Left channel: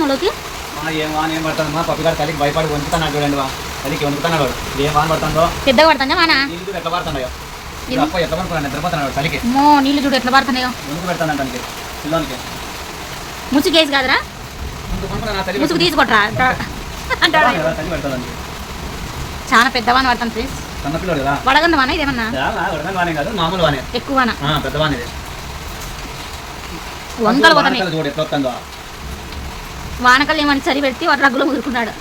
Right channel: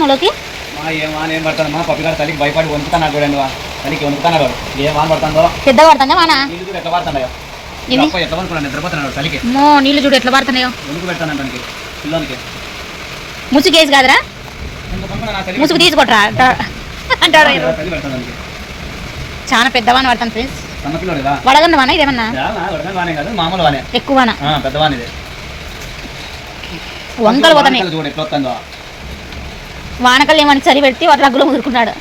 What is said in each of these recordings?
నువ్వులోకి ఏం వాన ఏం పడుతుందమ్మా పప్పిగాడు చలికి భయపడి వణుకుతున్నాడు చూడండి చలికి వణుకుతున్నాడు ఏం వాన పడుతుందో పెద్దగా పడుతుందా వాన నీళ్ళు చూడు ఎట్లా పడుతున్నాయో ఎట్లా పడుకున్నాడు నిద్రపోతున్నాడు చలికి నీళ్ళు చూడు ఎట్లా పడుతున్నాయో వణుకు పెడతాను దానికి పిల్లలకి ముసుగేసి కాదురా ముసుగు తీసుకుంటారా అంటారు చలి పెడతాను దానికి చాలా పెద్ద వాన పడుతుంది ఫ్రెండ్స్ సన్నపిల్లడు కదా వడగన్న వాన ఇదేమన్నా వడగండి వానే కాదు మామూలు వానే ఎక్కువ వాన పెద్ద వాన ఇది వంకలు పోతాయి చూడు ఎట్లా వస్తుందో వానకలు ఏమని చలి పెడితే వాటి రగ్గులో ముదురుకున్నాడు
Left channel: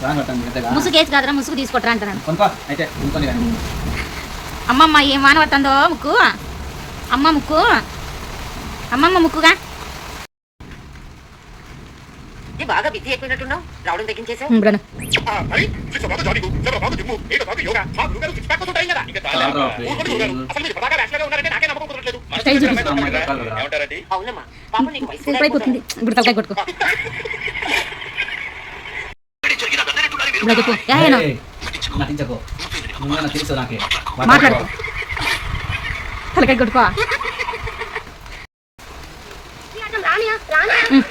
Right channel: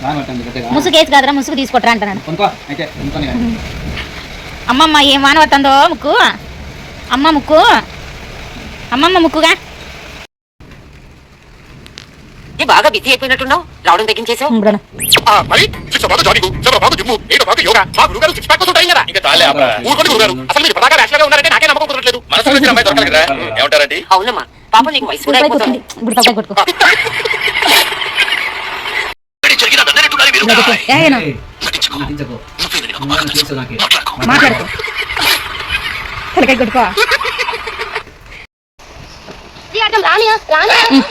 ముసుగేసి కాదురా ముసుగు తీసుకుంటారా అంటున్నాను అమ్మమ్మ ఏం వాన పడుతుందో ముక్కు అమ్మమ్మ ముక్కుగా బాగా బిజీ అయిపోయినట్టున్నావు రావడం తగ్గించేసావు అవునమ్మా పాప నీకు వయసు కూడా అయిపోతుంది. మాట్లాడుకో తలకాయ కొట్టుకో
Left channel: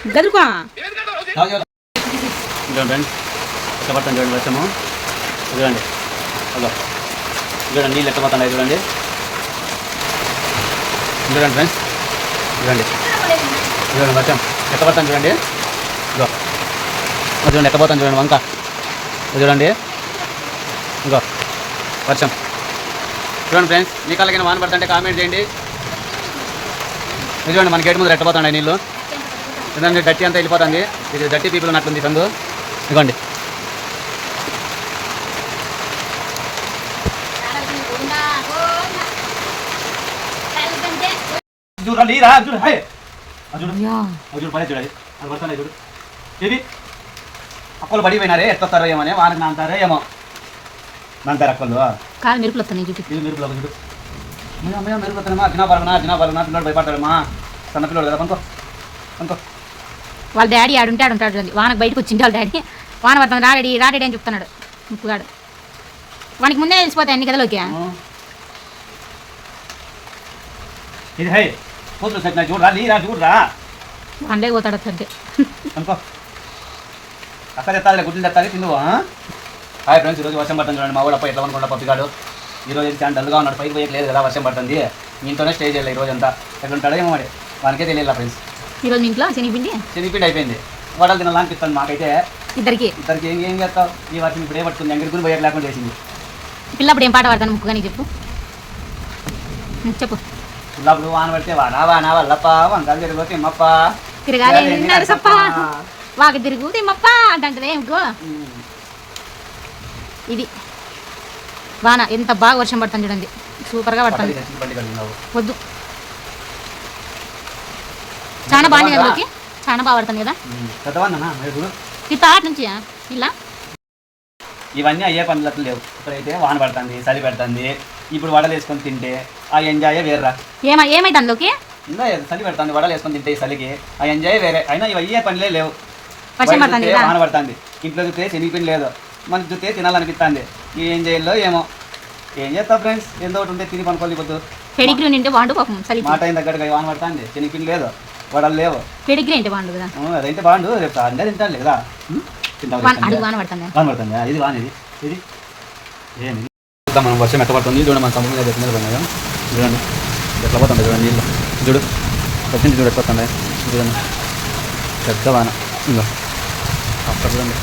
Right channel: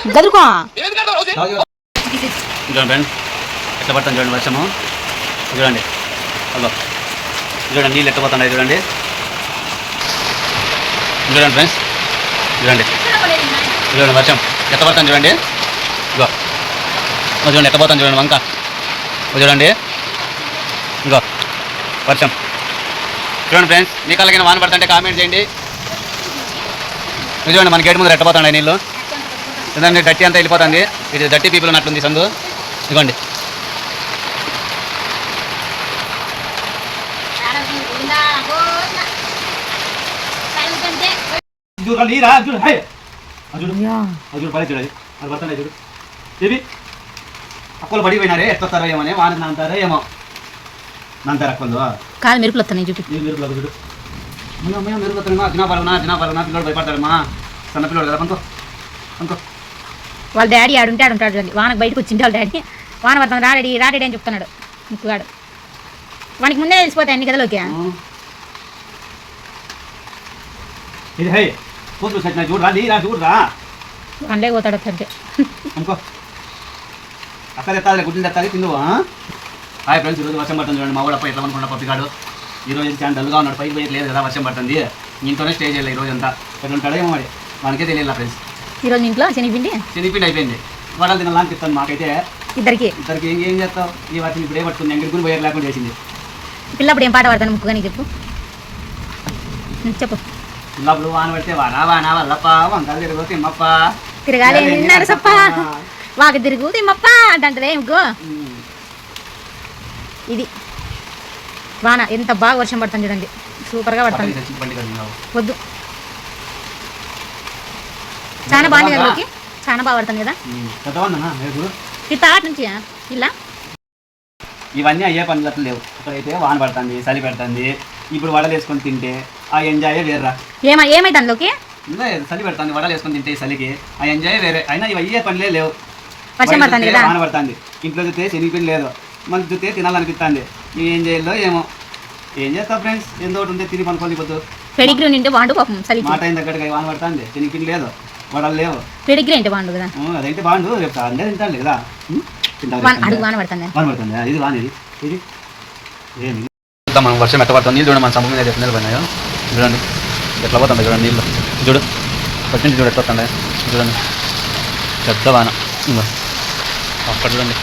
గదురుకో చూడండి ఎట్లా పడుతుంది చూడండి వర్షము చూడండి అదో చూడండి నీళ్ళు ఎట్లా పడుతున్నాయి చూడండి చూడండి ఫ్రెండ్స్ చూడండి చూడండి వర్షం ఎట్లా పడుతుంది చూడండి ఇగో చూడండి ఎట్లా పోతాను చూడండి వంక చూడండి ఇంకో వర్షం చూడండి ఫ్రెండ్స్ మీ కళ్ళకైనా వాన పడుతుంటే కామెంట్ చేయండి చూడండి మన గేట్ ముందు ఎట్టపోతాండి నీళ్ళు చూడండి గట్టి అంతా వెళ్ళిపోతుంది ఇది గట్టి పీపుల్ ఉన్నట్టుంది సందు ఇదిగోండి చూడు పడే చూడాలి అది పడుతున్నాయి చూడు ఏవి అక్కలు పడిపోయినారే ఎత్తారో ఏమో వాన నాంతారో ఏమో నాంతారు అక్కలు కాలు మెరుపులు వస్తున్నాయి చూడు మెరుపులు చూడు మెరుపు వస్తున్నామా జినాపరమా పిల్లలు భయపడతారమ్మా సన్న పిల్లలు కదా అనుకో అనుకో వాళ్ళ డాడీ ఆడుంటే ఆడుంటాడు చూడండి వానకు బయటకు వచ్చింది వాళ్ళ డాడీ వాన పడుతుంది రాడీ అని చెప్తున్నాడు ముక్కుగాడు వానికి ముందే తెలిసిపోతాయి అన్ని కథలోకి ఇది హై కూతురు సచ్చిన చూడరా వానలే పోతాడు అంటే అనుకో అక్కడ ఎత్తాలి గుడ్లు ఎత్తాలి తిందు హాయ్ ఫ్రెండ్స్ ఈరోజు వర్షం పడుతుంది చూడండి మా ఊళ్ళ ఎట్లా అనుకుంటా పప్పిగాడు ఈరోజు చాలా డల్గా ఉన్నాడు పైకి పోయి లేదు కదా వర్షం పడుతుంది ఇంట్లోనే స్టే చేయాలి ఈరోజు అంతా ఎట్లా ఉంటాడో ఏమో వాడి వానికే తెలియాలి ఫ్రెండ్స్ ఈరోజు ఇంట్లో శనిపిండి అయిపోయింది వడలు తినాలని చెప్తాను మాకైతే ఇద్దరికి ఏం చేస్తావు ఈ వర్షం ఇప్పుడు ఏ పడుతుంది ఎంగడి కూడా పోయారు లేకుండా చేసింది పిల్లప్పుడు ఏం పాట పాడతాను ముక్కు కానీ చెప్పు పిల్లప్పుడు వాన పడితే వానా వల్లప్ప వంకాలు తిరిగితే తిమ్మప్ప తిరగాలి నిన్నారు సప్ప వాక తిరుగు తిమ్మప్ప అంటే ఇంకో ఇది వాన ఎంత బాగా వర్షం పడుతుంది చూడండి సూపర్గా పడుతుంది వద్దు చాలా బాగుంది కదా చాలా బాగా పడుతుంది కదా తాట నుంచి ఇలా ఇవన్నీ అయ్యే పనులు లేవు ఇక్కడైతే వాన పడుతుంది చలి పెడుతుంది ఇప్పుడు వడలు వేసుకొని తింటే ఆ ఎంజాయ్ వేర్రా ఏమైతే అందులోకి చలి పెడుతుంది వడలు వేసుకొని తింటే ఈ చలికి ఆ ఎంజాయ్ వేరే అయినా ఇవి అయ్యే పనులే లేవు వాన పడుతుంది ఇంట్లో చూస్తే శనిపిండి లేదు మనకి చూస్తే తినాలనిపిస్తుంది ఈ ఏం చేయాలో ఏమో ఏం చేస్తావు ఫ్రెండ్స్ ఎంతో ఒకటి ఉంటే తిని పనుకోలేకపోతు పెడిగ్రీ నింటే బాగుండు పాపం చలి మాట అయిన దగ్గరగా వాన పడుతుంది శనిపిండి లేదు వడలు లేవు పెడిగ్రీ అంటే బాగుండు కదా అదైతే బాగుండు రేపు అంటే తింటాను కదా వాన పడుతుంది ఇది వాన ఇది ఏమి మనం వర్షం ఎట్ట పడుతుంది చూడండి మన సముద్రం మీద నీళ్ళు పడినాయో చూడండి ఎట్లా పోతుంది చూడండి నీళ్ళు చూడు వచ్చింది చూడు ఎట్లా వస్తుంది చూడండి పెద్ద వాన అక్కడ చూడండి